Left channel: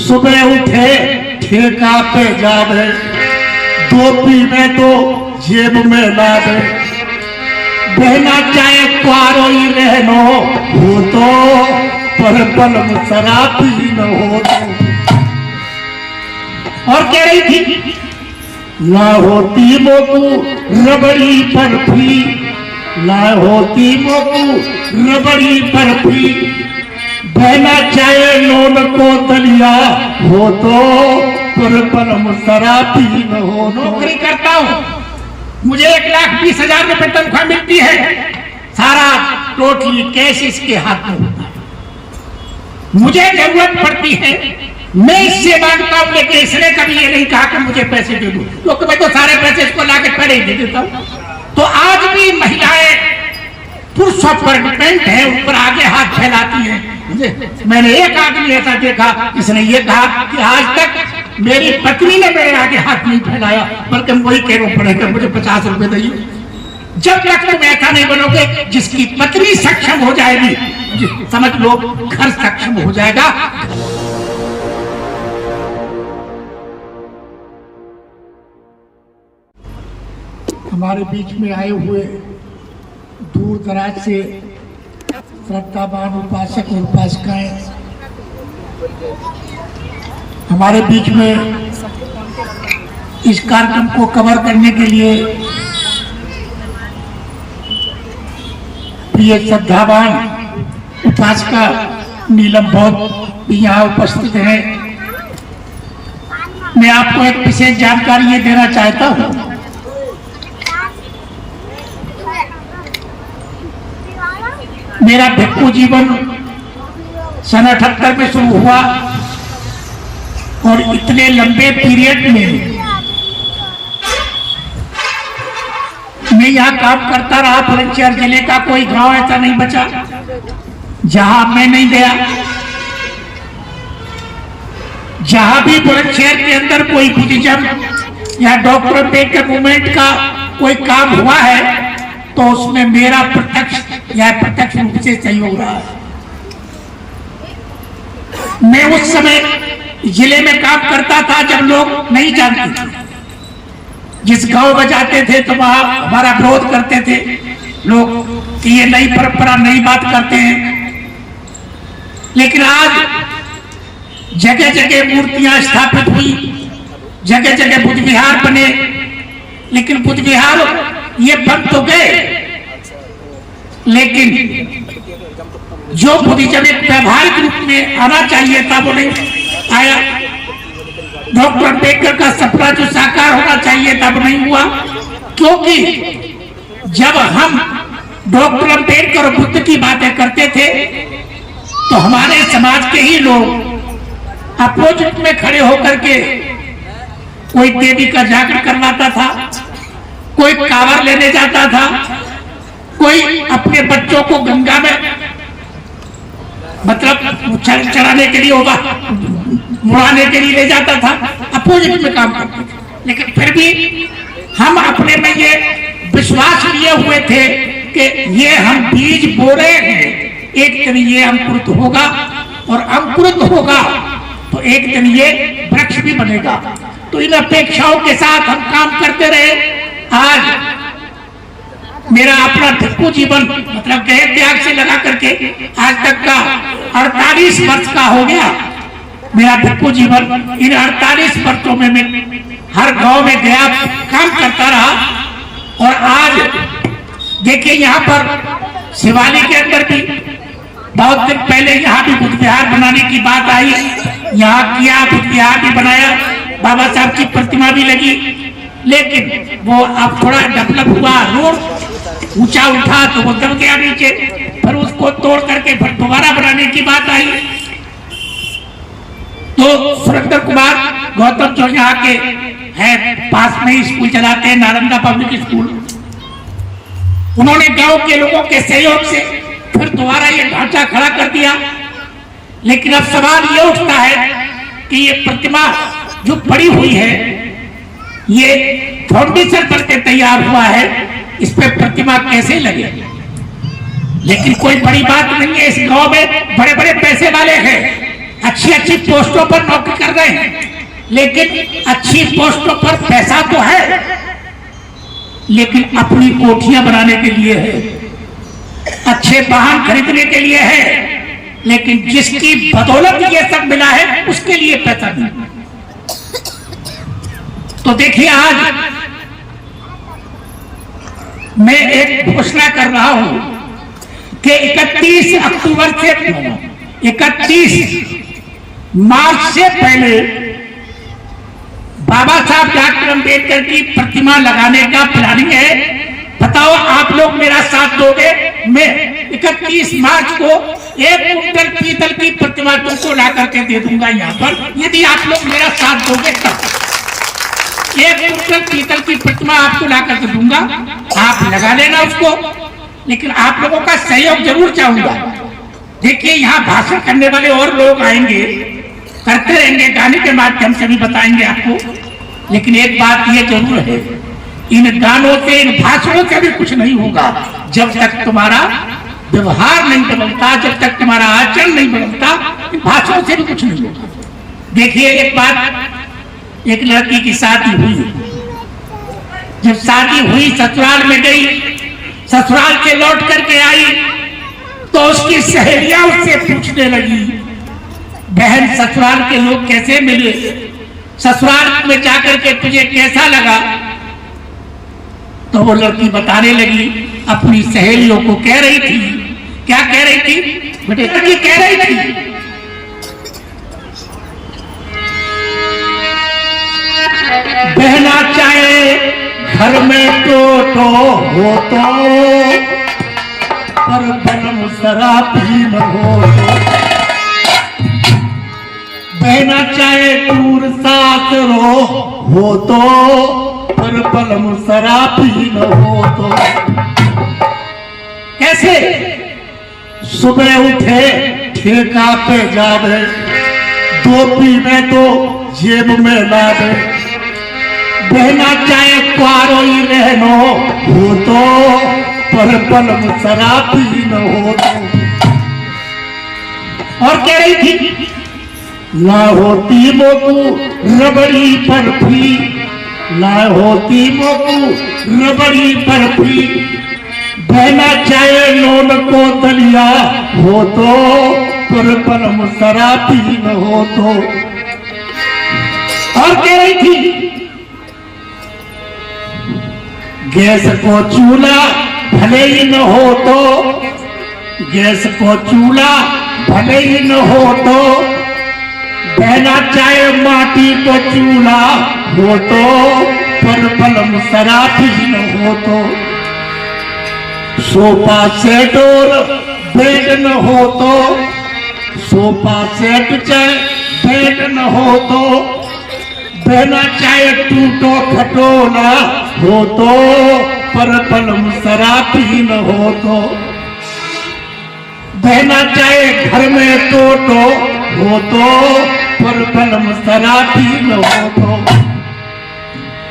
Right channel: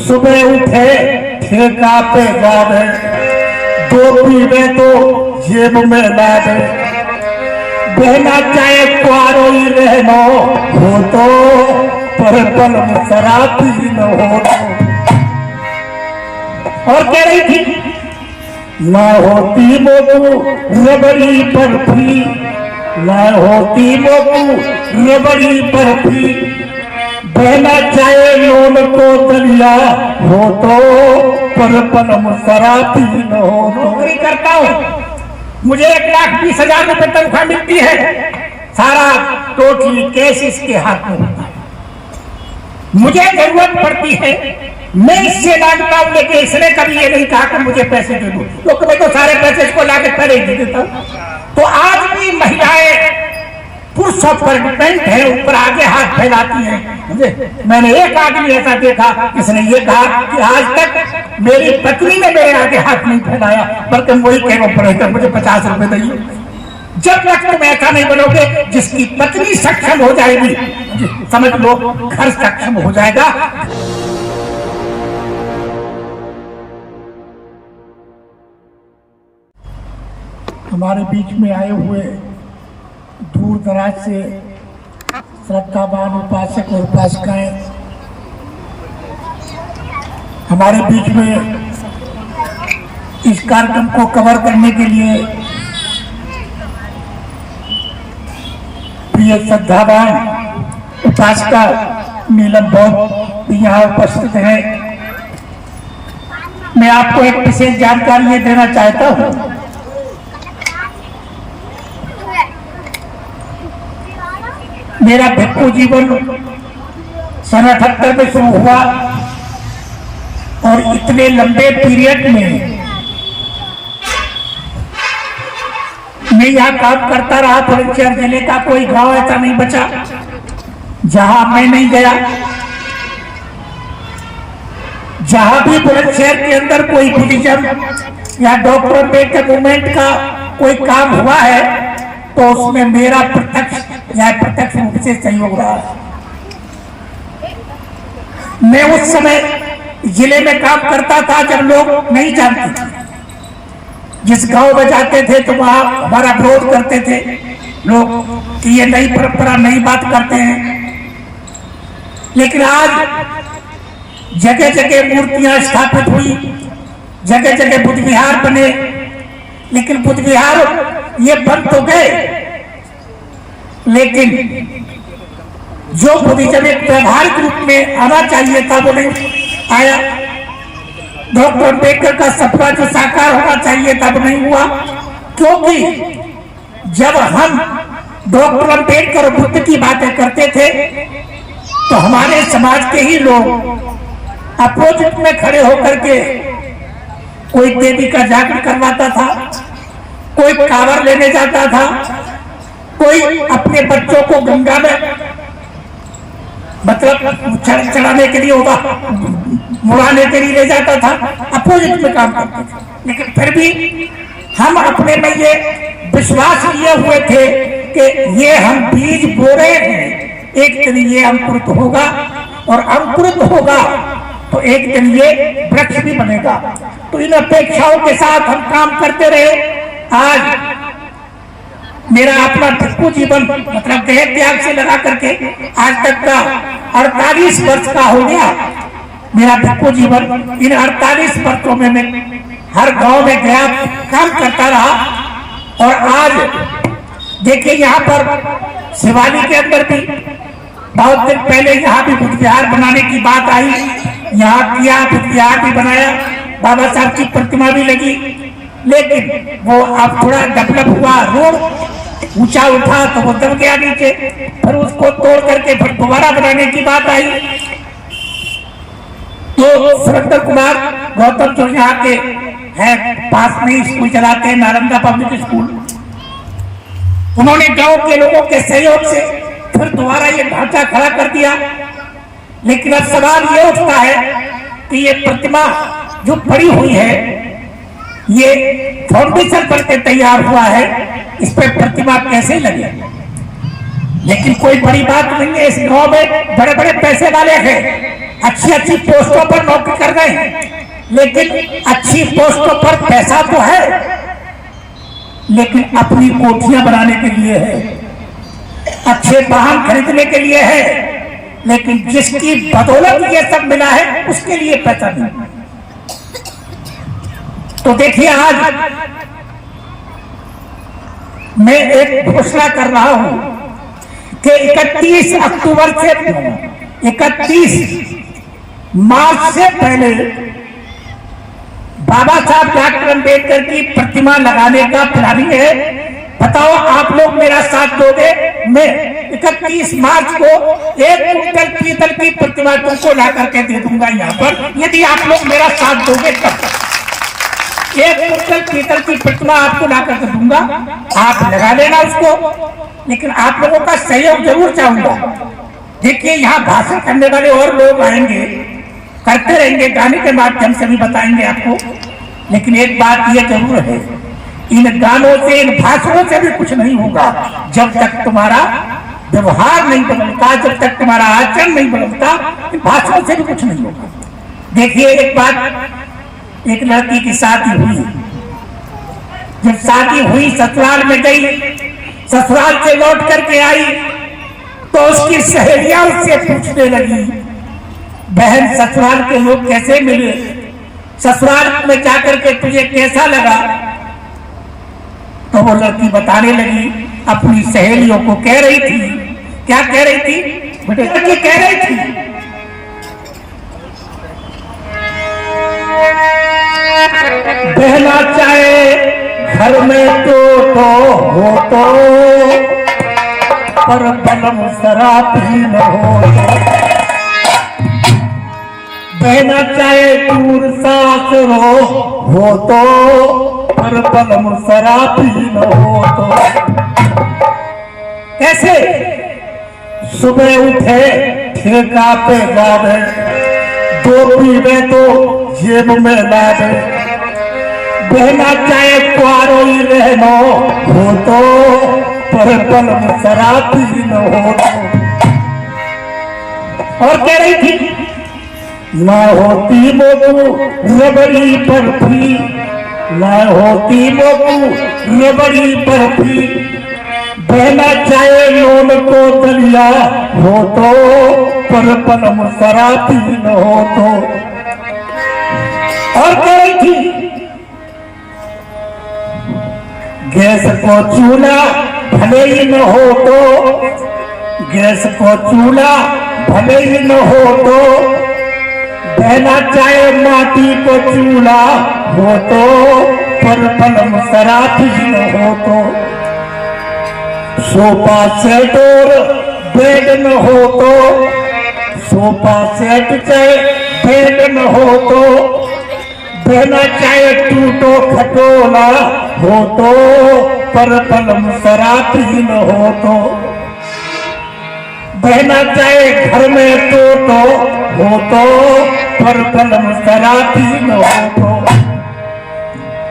सुबह उठे ठेका पे जावे, दो पीवे तो जेब में ला दे, बहना चाहे क्वारो ही रहनो हो तो, पर पल में शराबी न हो तो। और कह रही थी ना होती मोकू रबड़ी बर्फी, ना होती मोकू रबड़ी बर्फी, बहना चाहे लोन को दलिया हो तो, पर पल में शराबी न हो। नौकरी करता हूँ, मुझे 1,20,000 रुपए तनख्वाह मिलती है, सारा टोटली कैश इसके हाथ में होता है। मुझे जरूरत पड़ती है, मैं इससे मांगता हूं, लेकिन इसने कभी ये नहीं कहा कि मुझे पैसे दे दो, क्योंकि मैं तो सारे पैसे इसको लाके खड़े दे देता हूं। तो आज भी महिलाएं पुरुषों पर डिपेंड है, ऊपर आगे हाथ फैलाती हैं। मैंने एक आदमी ऐसा देखा जिसने ये कहा कि आज तक मेरी पत्नी ने मेरे आगे हाथ नहीं फैलाया, बल्कि वही कहना पड़ेगा मुझे 50 रुपए दिए। जब तक तुम ऐसा नहीं बनोगे, जिसकी पत्नी सक्षम हो जाएगी, समझ लो घर सक्षम हो जाएगा। हमारे बीच में आए हुए दूर दराज से श्रद्धावान उपासक और उपासिकाएं, हमारे बीच में इस कार्यक्रम को कवर करने के लिए प्रिय श्रद्धावान उपासिका नीलम भौत भी यहाँ उपस्थित है। मैं आपको एक विशेष जानकारी ये देना चाहता हूँ। मेरा भिक्षु जीवन सन 78 में शुरू हुआ और इतने लंबे पीरियड में मैं यहाँ काम करता रहा। बुलंदशहर जिले का कोई गांव ऐसा नहीं बचा जहां मैं नहीं गया। जहां भी बुलंदशहर के अंदर कोई बुद्धिज्म या डॉक्टर अम्बेडकर मूवमेंट का कोई काम हुआ है, तो उसमें मेरा प्रत्यक्ष या प्रत्यक्ष रूप से सहयोग रहा है। मैं उस समय जिले में काम करता था जब लोग नहीं जानते थे। जिस गांव में जाते थे तो वहां हमारा विरोध करते थे लोग कि ये नई परंपरा नई बात करते हैं। लेकिन आज जगह जगह मूर्तियां स्थापित हुई, जगह जगह बुद्ध विहार बने, लेकिन बुद्ध विहार ये बन तो गए, लेकिन जो बुद्धिज्म एक व्यवहारिक रूप में आना चाहिए था वो नहीं आया। डॉक्टर अम्बेडकर का सपना जो साकार होना चाहिए था वो नहीं हुआ, क्योंकि जब हम डॉक्टर अम्बेडकर और बुद्ध की बातें करते थे तो हमारे समाज के ही लोग अपोजिट में खड़े होकर के कोई देवी का जागरण करवाता था, कोई कांवर लेने जाता था, कोई अपने बच्चों को गंगा में मतलब चढ़ाने के लिए होगा, मुड़ाने के लिए ले जाता था, अपोजिट में काम करते थे। लेकिन फिर भी हम अपने में ये विश्वास लिए हुए थे कि ये हम बीज बो रहे हैं, एक दिन ये अंकुरित होगा, और अंकुरित होगा तो एक दिन ये वृक्ष भी बनेगा। तो इन अपेक्षाओं के साथ हम काम करते रहे। आज मेरा अपना भिक्षु जीवन मतलब देह त्याग से लगा करके आज तक का 48 वर्ष का हो गया मेरा भिक्षु जीवन। इन 48 वर्षों में मैं हर गांव में गया, काम करता रहा। और आज देखिए यहाँ पर शिवालिक के अंदर भी बहुत दिन पहले यहाँ भी बुद्ध विहार बनाने की बात आई, यहाँ किया, बुद्ध विहार भी बनाया, बाबा साहब की प्रतिमा भी लगी, लेकिन वो अब थोड़ा डेवलप हुआ, रोड ऊंचा उठा तो वो दब गया नीचे, फिर उसको तोड़ करके फिर दोबारा बनाने की बात आई। तो सुरेंद्र कुमार गौतम जो यहाँ के है पास में ही स्कूल चलाते हैं, नालंदा पब्लिक स्कूल, उन्होंने गांव के लोगों के सहयोग से फिर दोबारा ये ढांचा खड़ा कर दिया। लेकिन अब सवाल ये उठता है कि ये प्रतिमा जो पड़ी हुई है, ये फाउंडेशन करके तैयार हुआ है, इस पे प्रतिमा कैसे लगे? लेकिन कोई बड़ी बात नहीं है। इस गांव में बड़े बड़े पैसे वाले हैं, अच्छी अच्छी पोस्टों पर नौकरी कर रहे हैं, लेकिन अच्छी पोस्टों पर पैसा तो है, लेकिन अपनी कोठियां बनाने के लिए है, अच्छे वाहन खरीदने के लिए है, लेकिन जिसकी बदौलत ये सब मिला है उसके लिए पैसा नहीं। तो देखिए, आज मैं एक घोषणा कर रहा हूं कि 31 अक्टूबर से 31 मार्च से पहले बाबा साहब डॉक्टर अम्बेडकर की प्रतिमा लगाने का प्लानिंग है। बताओ, आप लोग मेरा साथ दोगे? मैं 31 मार्च को 1 कुंटल पीतल की प्रतिमा तुमको ला करके दे दूंगा यहाँ पर, यदि आप लोग मेरा साथ दोगे तब। 1 कुंटल पीतल की प्रतिमा आपको ला करके दूंगा, आप लगा लेना उसको, लेकिन आप लोगों का सहयोग जरूर चाहूंगा। देखिए, यहाँ भाषण करने वाले और लोग आएंगे, करते रहेंगे, गाने के माध्यम से भी बताएंगे आपको, लेकिन एक बात ये जरूर है, इन गानों से, इन भाषणों से भी कुछ नहीं होगा जब तक तुम्हारा व्यवहार नहीं बदलता, जब तक तुम्हारा आचरण नहीं बदलता, इन भाषणों से भी कुछ नहीं होगा। देखिए, एक बात, एक लड़की की शादी हुई, जब शादी हुई ससुराल में गई, ससुराल से लौट करके आई तो उसकी सहेलियां उससे पूछने लगी, बहन ससुराल के लोग कैसे मिले, ससुराल में जाकर के तुझे कैसा लगा? तो वो लड़की बताने लगी, अपनी सहेलियों को कह रही थी, क्या कह रही थी बेटे? ये कह रही थी, बहना चाहे घर में तो हो तो, पर बलम शराब ही न हो तो। बहना चाहे दूर साथ हो तो, पर बलम शराब ही न हो तो। कैसे? सुबह उठे ठेका पे जा दे, 2 पीवे तो जेब में ला दे। बहना चाहे क्वारोई रहनो हो तो, पर बलम शराब ही न हो तो। और कह रही थी, ना होती मोकू रबड़ी बर्फी, ना होती मोकू रबड़ी बर्फी। बहना चाहे लोन को दलिया हो तो, पर बलम शराब ही न हो तो। और कह रही थी, गैस को चूल्हा भले ही न हो तो, गैस को चूल्हा भले ही न हो तो। बहना चाहे माटी को चूल्हा हो तो, पर बलम शराब ही न हो तो। सोफा सेट और बेड न हो तो, सोफा सेट चाहे बेड न हो तो। बहना चाहे टूटो खटोला हो तो, पर बलम शराब ही न हो तो। बहना चाहे घर में तो हो तो, पर बलम शराब ही न हो तो।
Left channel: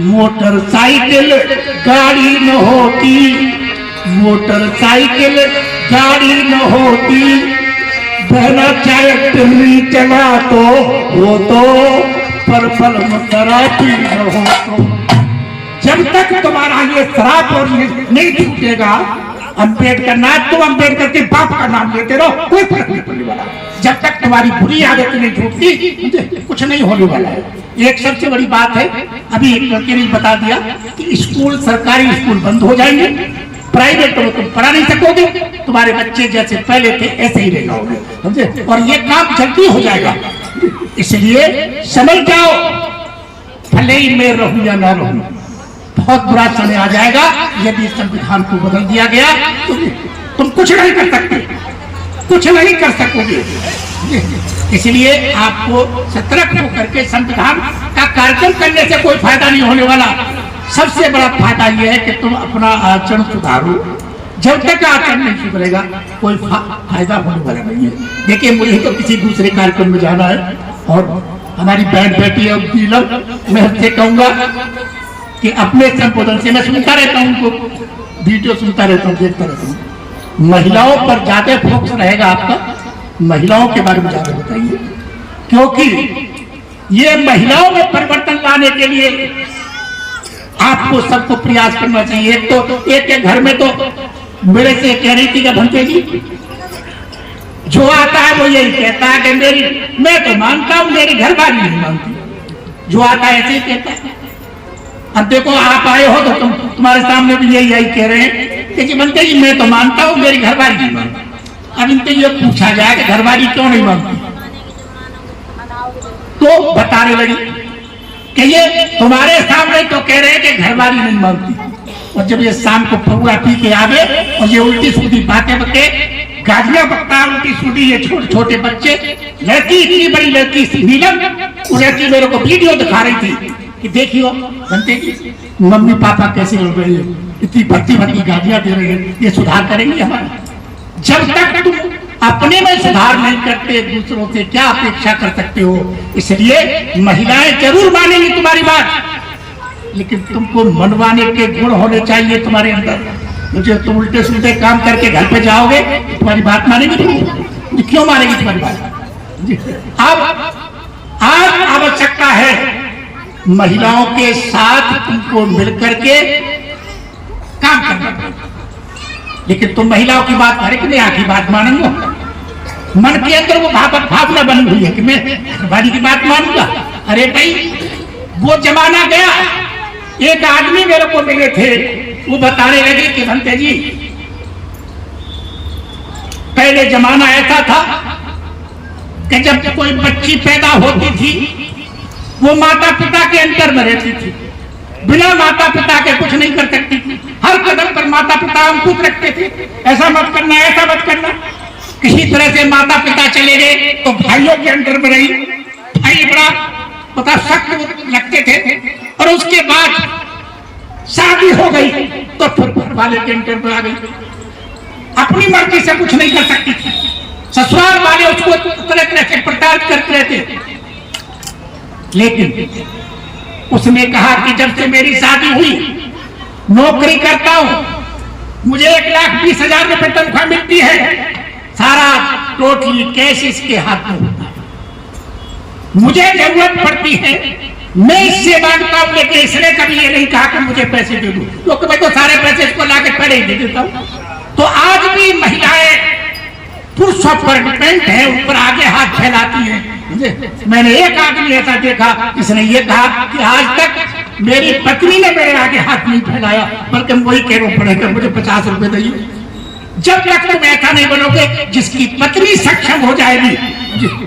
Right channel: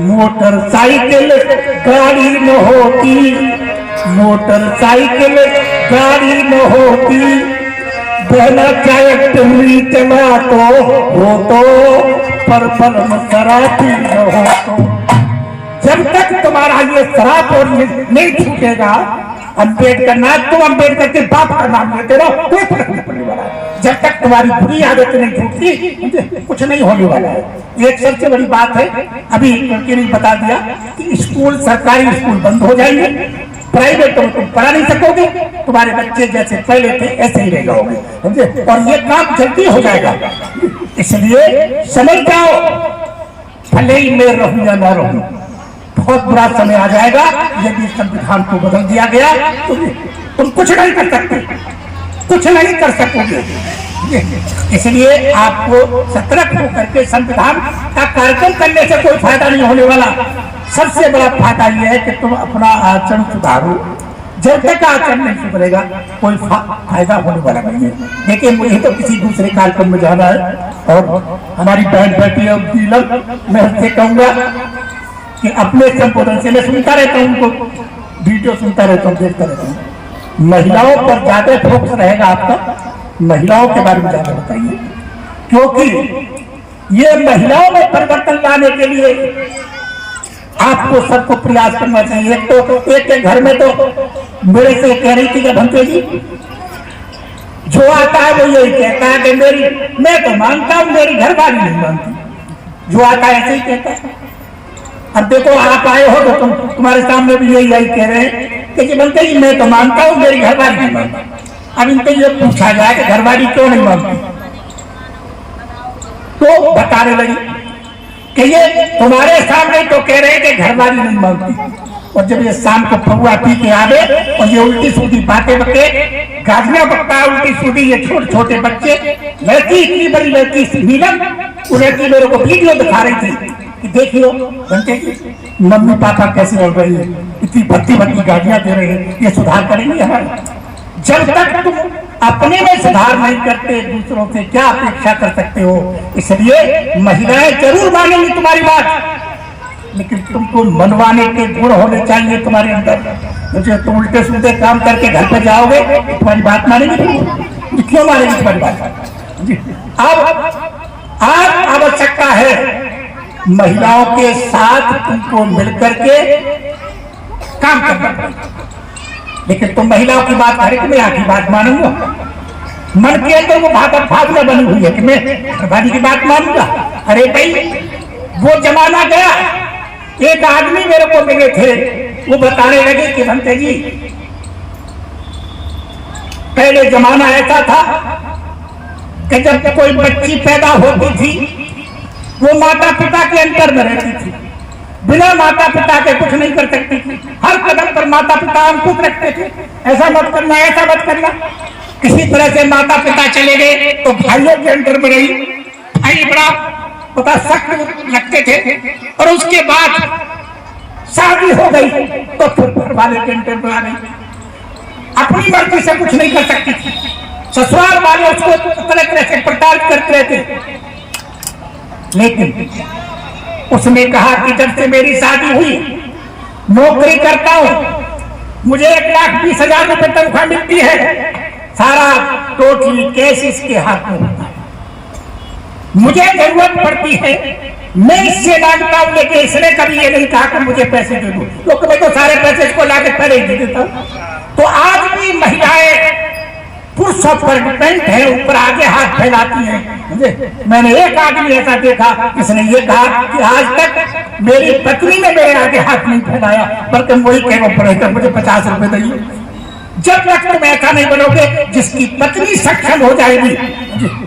मोटरसाइकिल गाड़ी न होती, मोटरसाइकिल गाड़ी न होती। बहना चाहे टिल्ली चला तो हो तो, पर बलम शराब ही न हो तो। जब तक तुम्हारा ये शराब और ये नहीं छूटेगा, अम्बेडकर ना तुम अम्बेडकर के बाप का नाम लेते रहो, कोई फर्क नहीं पड़ने वाला है। जब तक तुम्हारी बुरी आदत नहीं छूटती, कुछ नहीं होने वाला है। एक सबसे बड़ी बात है, अभी ने बता दिया कि स्कूल, सरकारी स्कूल बंद हो जाएंगे, प्राइवेट में तुम पढ़ा नहीं सकोगे, तुम्हारे बच्चे जैसे पहले थे ऐसे ही रह जाओगे, समझे? और ये काम जल्दी हो जाएगा, इसलिए समझ जाओ, भले ही मैं रहूं या ना रहूं, बहुत बुरा समय आ जाएगा यदि संविधान को बदल दिया गया तो तुम कुछ नहीं कर सकते, कुछ नहीं कर सकोगे। इसलिए आपको सतर्क होकर के संविधान का कार्यक्रम करने से कोई फायदा नहीं होने वाला। सबसे बड़ा फायदा यह है कि तुम अपना आचरण सुधारो। जब तक आचरण नहीं सुधरेगा कोई फायदा होने वाला नहीं है। देखिए, मुझे तो किसी दूसरे कार्यक्रम में जाना है और हमारी बहन बेटी और मैं उससे कहूंगा कि अपने संबोधन से, मैं सुनता रहता हूँ उनको, वीडियो सुनता रहता हूँ, देखता रहता हूँ, महिलाओं पर ज्यादा फोकस रहेगा आपका, महिलाओं के बारे में ज्यादा बताइए, क्योंकि ये महिलाओं में परिवर्तन लाने के लिए आपको सबको प्रयास करना चाहिए। एक के घर में तो मेरे से कह रही थी कि भंते जी, जो आता है वो यही कहता है कि मैं तो मानता हूं, मेरी घरवाली नहीं मानती। जो आता है ऐसे ही कहता है। अब देखो आप आए हो तो तुम्हारे सामने भी यही कह रहे हैं कि भंते जी मैं तो मानता हूं, मेरी घरवाली नहीं मानती। अब इनसे ये पूछा जाए कि घरवाली क्यों नहीं मानती, तो बताने लगी कि ये तुम्हारे सामने तो कह रहे हैं कि घरवाली नहीं मानती, और जब ये शाम को फगुआ पी के आवे और ये उल्टी सीधी बातें बके, गालियां बकता है उल्टी सीधी, ये छोटे छोटे बच्चे, लड़की इतनी बड़ी लड़की नीलम, वो लड़की मेरे को वीडियो दिखा रही थी कि देखियो बनते की मम्मी पापा कैसे लड़ रही है, इतनी भर्ती गालियां दे रही है, ये सुधार करेंगे हमारा? जब तक तुम अपने में सुधार नहीं करते, दूसरों से क्या अपेक्षा कर सकते हो? इसलिए महिलाएं जरूर मानेंगी तुम्हारी बात, लेकिन तुमको मनवाने के गुण होने चाहिए तुम्हारे अंदर। मुझे तुम उल्टे सुलटे काम करके घर पे जाओगे, तुम्हारी बात मानेंगे? क्यों मानेंगे तुम्हारी बात? अब आवश्यकता है महिलाओं के साथ तुमको मिलकर के काम करना, लेकिन तुम महिलाओं की बात हर एक में आखिरी बात मानूंगा। मन के अंदर वो भावना बनी हुई है कि मैं घरवाली की बात मानूंगा। अरे भाई, वो जमाना गया। एक आदमी मेरे को मिले थे, वो बताने लगे कि भंते जी, पहले जमाना ऐसा था कि जब कोई बच्ची पैदा होती थी, वो माता पिता के अंतर में रहती थी, बिना माता पिता के कुछ नहीं कर सकती थी। हर कदम पर माता पिता अंकुश रखते थे, ऐसा मत करना, ऐसा मत करना। किसी तरह से माता पिता चले गए तो भाइयों के अंदर में रही, भाई बड़ा पता सख्त लगते थे, और उसके बाद शादी हो गई तो फिर घर वाले के अंदर में आ गई, अपनी मर्जी से कुछ नहीं कर सकती थी। ससुराल वाले उसको तरह तरह से प्रताड़ित करते रहते। लेकिन उसने कहा कि जब से मेरी शादी हुई, नौकरी करता हूं, मुझे 1,20,000 रुपए तनख्वाह मिलती है, सारा टोटली कैश इसके हाथ में होता है। मुझे जरूरत पड़ती है, मैं इससे मांगता हूं, लेकिन इसने कभी ये नहीं कहा कि मुझे पैसे दे दो, क्योंकि मैं तो सारे पैसे इसको लाके खड़े दे देता हूं। तो आज भी महिलाएं पुरुषों पर डिपेंड है, ऊपर आगे हाथ फैलाती हैं। मैंने एक आदमी ऐसा देखा, इसने ये कहा कि आज तक मेरी पत्नी ने मेरे आगे हाथ नहीं फैलाया, बल्कि वही कहना पड़ेगा मुझे 50 रुपए दिए। जब तक तुम ऐसा नहीं बनोगे, जिसकी पत्नी सक्षम हो जाएगी,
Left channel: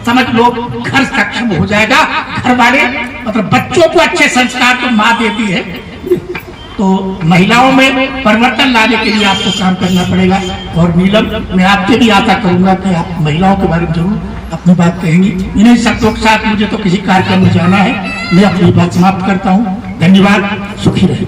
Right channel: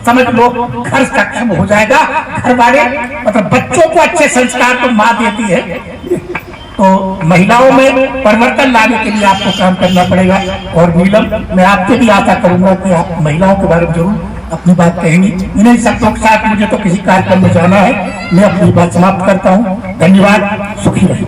समझ लो घर सक्षम हो जाएगा। घर वाले मतलब बच्चों को अच्छे संस्कार तो माँ देती है। तो महिलाओं में परिवर्तन लाने के लिए आपको काम करना पड़ेगा। और नीलम, मैं आपसे भी आशा करूंगा कि आप महिलाओं के बारे में जरूर अपनी बात कहेंगी। इन्हीं शब्दों के साथ मुझे तो किसी कार्यक्रम में जाना है। मैं अपनी बात समाप्त करता हूँ। धन्यवाद, सुखी रहिए।